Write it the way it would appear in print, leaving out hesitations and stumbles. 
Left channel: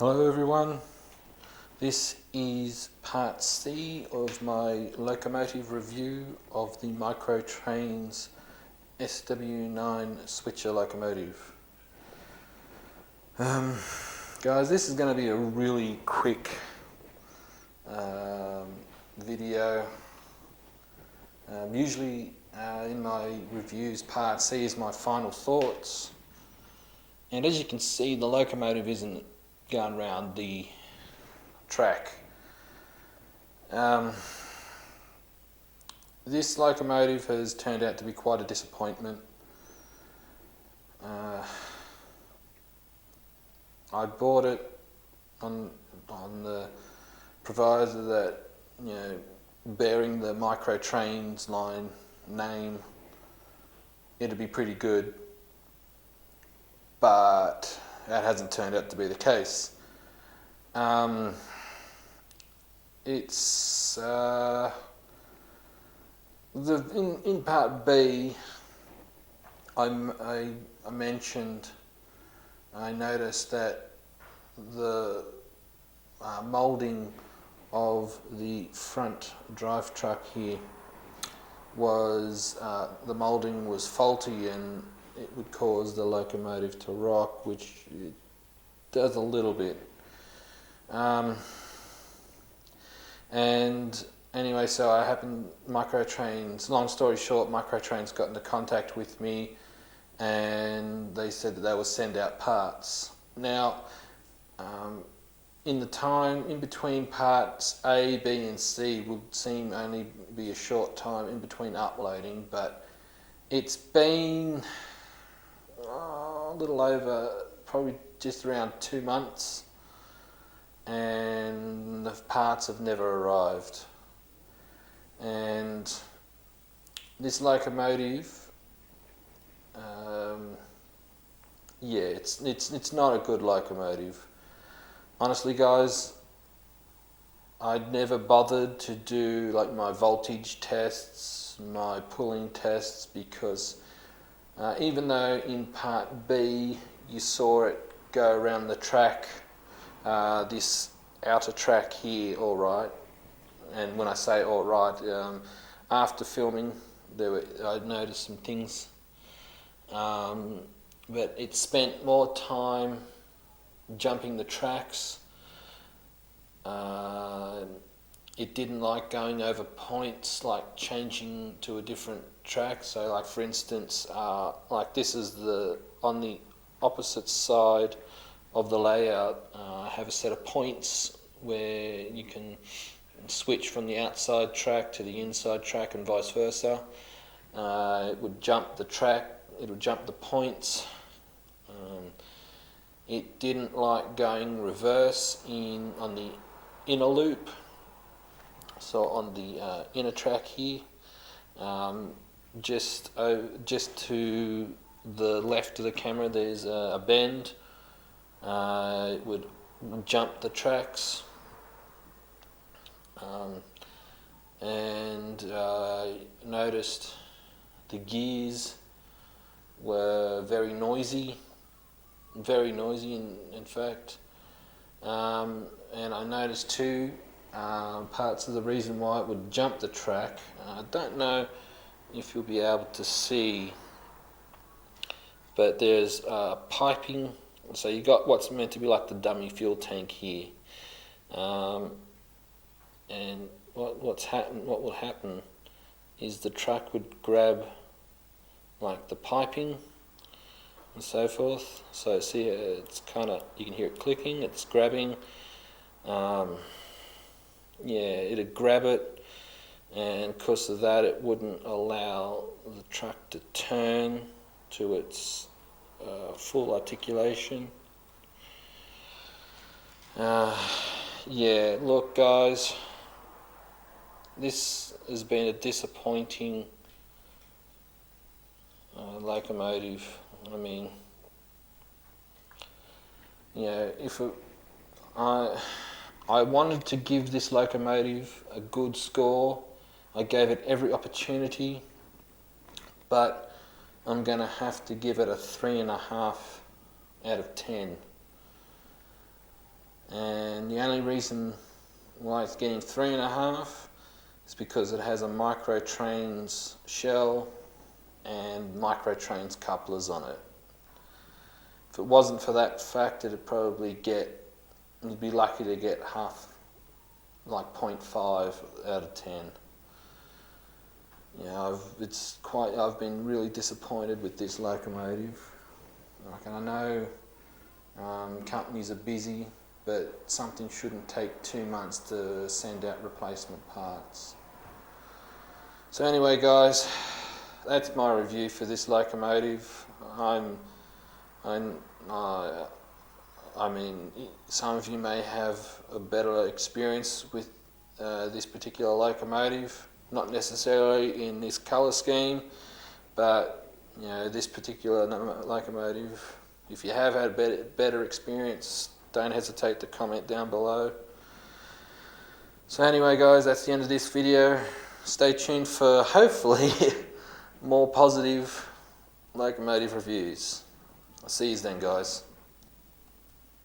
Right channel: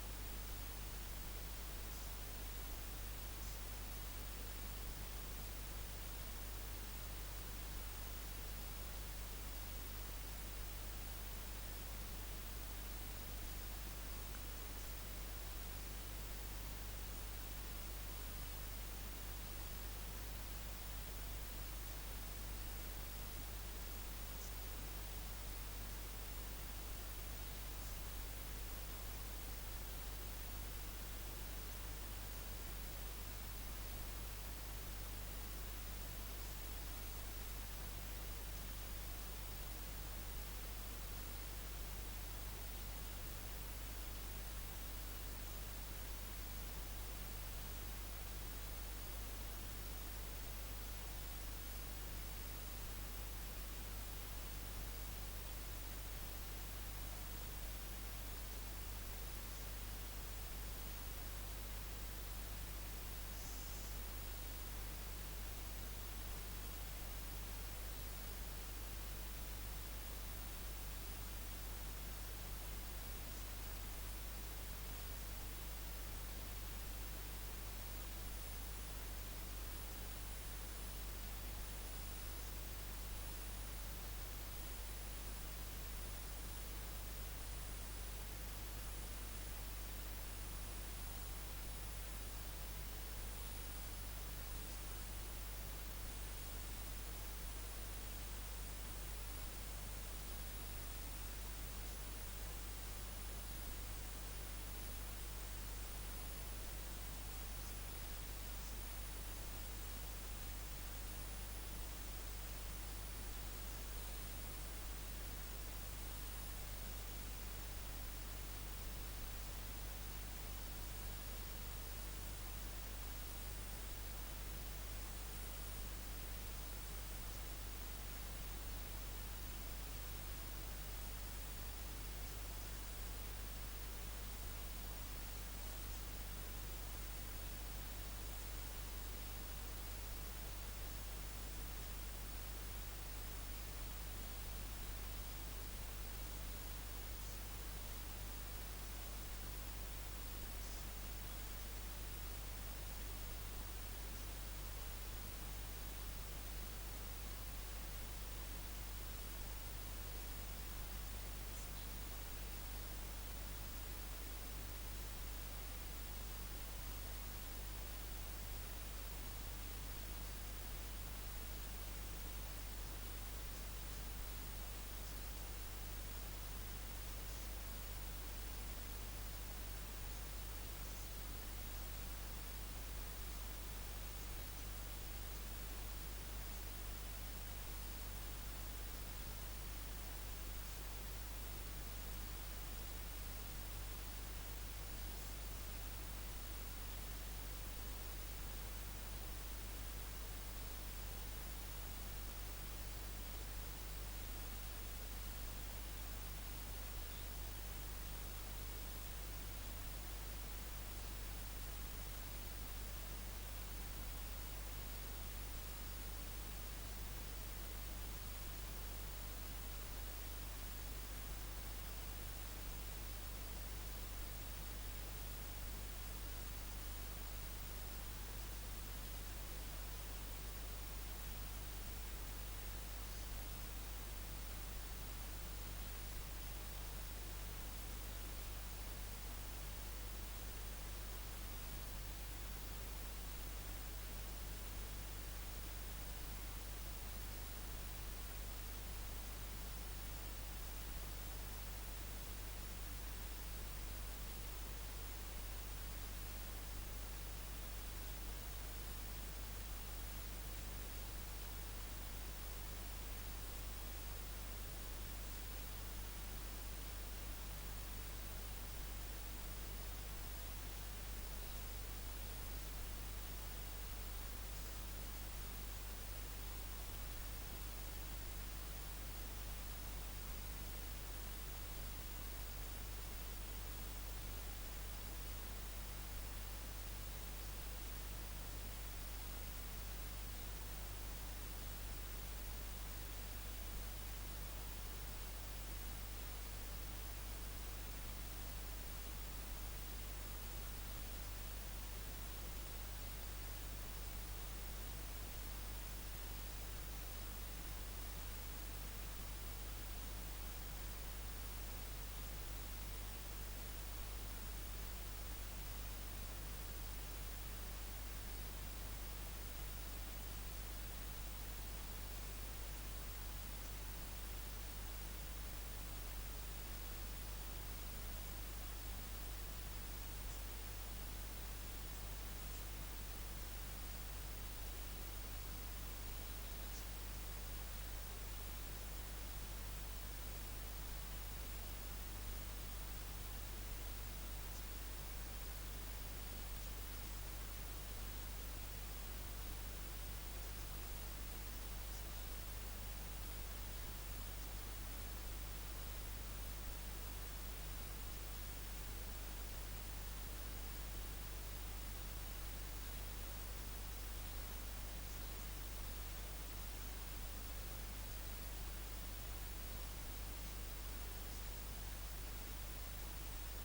Hello everyone, this is part C of my locomotive review of the Trains SW9 switcher locomotive. Guys, this is going to be a really quick video. Usually in my reviews, part C is my final thoughts, and as you can see, the locomotive isn't going around the track. This locomotive has turned out to be quite a disappointment. I bought it on the proviso that, you know, bearing the Trains line name, it'd be pretty good, but that hasn't turned out to be the case. It's in part B, I mentioned, I noticed that the moulding of the front drive truck here was, the moulding was faulty and it would cause the locomotive to rock, which it does a little bit. And anyway, so I happened, Trains, long story short, Trains got into contact with me and they said that they will send out parts. Now, in the time in between parts A, B and C would seem only be a short time in between uploading, but it's been a little over, probably just around 2 months, and the parts have never arrived. And this locomotive, yeah, it's not a good locomotive. Honestly, guys, I'd never bothered to do like my voltage tests, my pulling tests, because even though in part B you saw it go around the track, this outer track here, all right, and when I say all right, after filming I noticed some things, but it spent more time jumping the tracks. It didn't like going over points, like changing to a different track. So like for instance, like this is on the opposite side of the layout, I have a set of points where you can switch from the outside track to the inside track and vice versa. It would jump the track, it would jump the points. It didn't like going reverse on the inner loop. So on the inner track here, just to the left of the camera, there's a bend. It would jump the tracks, and I noticed the gears were very noisy in fact, and I noticed too, parts of the reason why it would jump the track. I don't know if you'll be able to see, but there's piping. So you got what's meant to be like the dummy fuel tank here, and what will happen is the truck would grab like the piping and so forth. So see, it's kind of, you can hear it clicking, it's grabbing. Yeah, it'd grab it, and because of that it wouldn't allow the truck to turn to its full articulation. Yeah, look guys, this has been a disappointing locomotive. I mean, you know, I wanted to give this locomotive a good score. I gave it every opportunity, but I'm going to have to give it a 3.5 out of 10. and the only reason why it's getting 3.5 is because it has a Micro Trains shell and Micro Trains couplers on it. If it wasn't for that fact, it'd probably you'd be lucky to get half, like 0.5 out of 10. You know, I've been really disappointed with this locomotive. Like, and I know companies are busy, but something shouldn't take 2 months to send out replacement parts. So anyway, guys, that's my review for this locomotive. I mean, some of you may have a better experience with this particular locomotive, not necessarily in this colour scheme, but you know, this particular locomotive, if you have had a better experience, don't hesitate to comment down below. So anyway, guys, that's the end of this video. Stay tuned for hopefully more positive locomotive reviews. I'll see you then, guys.